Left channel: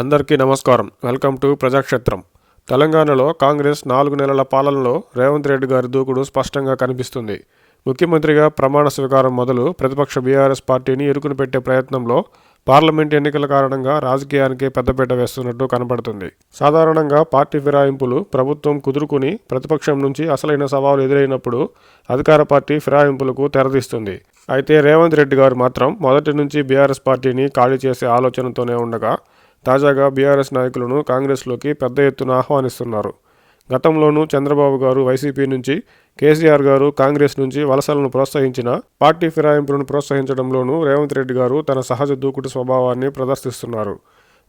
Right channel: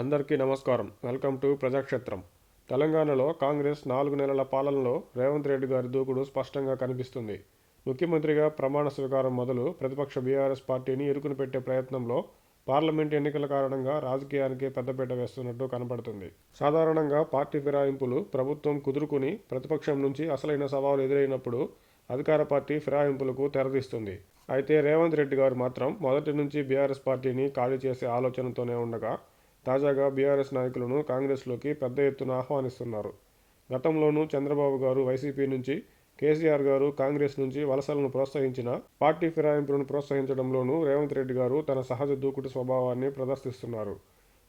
అందరికీ నమస్కారం. Welcome to Prajakshetram. తెలంగాణలో కాంగ్రెస్ నాలుగు నెలల పాలనలో రేవంత్ రెడ్డి గారి దూకుడు స్పష్టంగా కనిపిస్తుంది. ముఖ్యమంత్రిగా ప్రమాణ స్వీకారం మొదలు ప్రతిపక్ష బీఆర్ఎస్ పార్టీని ఇరుకును పెట్టే ప్రయత్నంలో పార్లమెంట్ ఎన్నికల కారణంగా రాజకీయానికి పెద్దపీట వేస్తున్నట్టు కనబడుతుంది. సాధారణంగా పార్టీ ఫిరాయింపులు ప్రభుత్వం కుదురుకుని ప్రతిపక్షం నుంచి అసలైన సవాలు ఎదురైనప్పుడు అధికార పార్టీ ఫిరాయింపులకు తెరదీస్తుంది. అయితే రేవంత్ రెడ్డి గారు మాత్రం మొదటి నుంచి బీఆర్ఎస్ పార్టీని ఖాళీ చేసే ఆలోచనతోనే ఉండగా తాజాగా బీఆర్ఎస్ నాయకులను కాంగ్రెస్లోకి పెద్ద ఎత్తున ఆహ్వానిస్తున్నారు. గతంలోనూ చంద్రబాబు గారు వైసీపీ నుంచి కేసీఆర్ గారు కాంగ్రెస్ నుంచి వలసలను ప్రోత్సహించిన పార్టీ ఫిరాయింపులను ప్రోత్సహించడంలోనూ రేవంత్ రెడ్డి గారు తన సహజ దూకుడు స్వభావాన్ని ప్రదర్శిస్తున్నారు.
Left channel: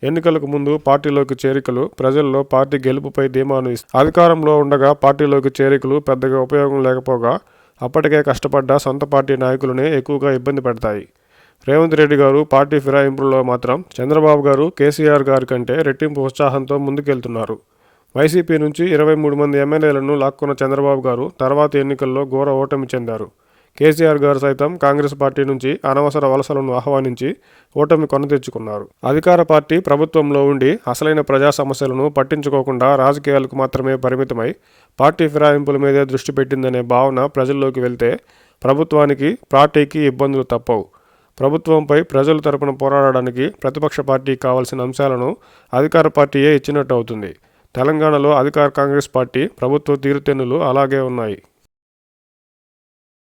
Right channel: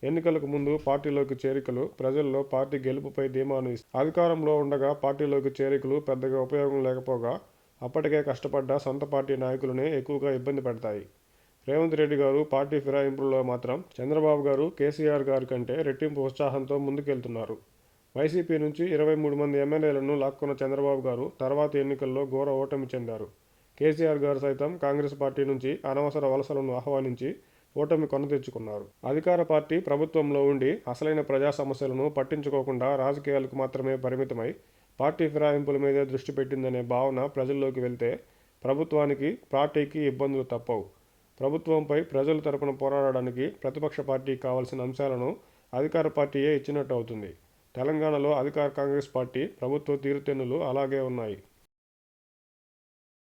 ఎన్నికలకు ముందు పార్టీలోకి చేరికలు ప్రజల్లో పార్టీ గెలుపుపై ధీమాను అధికారంలో ఉండగా పార్టీలోకి చేరికలు పెద్దగా ఉపయోగం లేకపోగా అప్పటికే కష్టపడ్డ సొంత పార్టీ నాయకులనే ఎక్కువగా ఇబ్బంది పెడతాయి. రేవంత్ రెడ్డి గారు పార్టీ ఫిరాయింపుల్లో మాత్రం చంద్రబాబు గారు కేసీఆర్ గారి కంటే రెట్టింపు ఉత్సాహంతో ముందుకెళ్తున్నారు. వైసీపీ నుంచి ఇరవై మూడు మంది ఎమ్మెల్యేలను లాక్కున్న చంద్రబాబు గారు తర్వాత ఎన్నికల్లో ఘోర ఓటమి చెందారు. కేసీఆర్ గారు సైతం కాంగ్రెస్ పార్టీ నుంచి అనవసర వలసలను ఆహ్వానించి ఓటమి కొన తెచ్చుకున్నారు. అధికార పార్టీ ప్రభుత్వంలో ఉండి అసలైన ప్రజా సమస్యలను పట్టించుకోకుండా రాజకీయాలకు మాత్రమే పరిమితమై పార్టీ ఫిరాయింపుల మీదే దృష్టి పెట్టిందనే భావన ప్రజల్లోకి వెళ్తే ప్రభుత్వానికి పార్టీకి ఇబ్బందులు తప్పవు. ప్రభుత్వంపై ప్రజల తరపున పోరాడడానికి ప్రతిపక్ష పార్టీకి కావాల్సిన అంశాలను అధికార పార్టీయే ఇచ్చినట్టు అవుతుంది. తెలంగాణలో అధికార కాంగ్రెస్ పార్టీ ప్రభుత్వ తీరుతెన్నులు అలాగే ఉన్నాయి.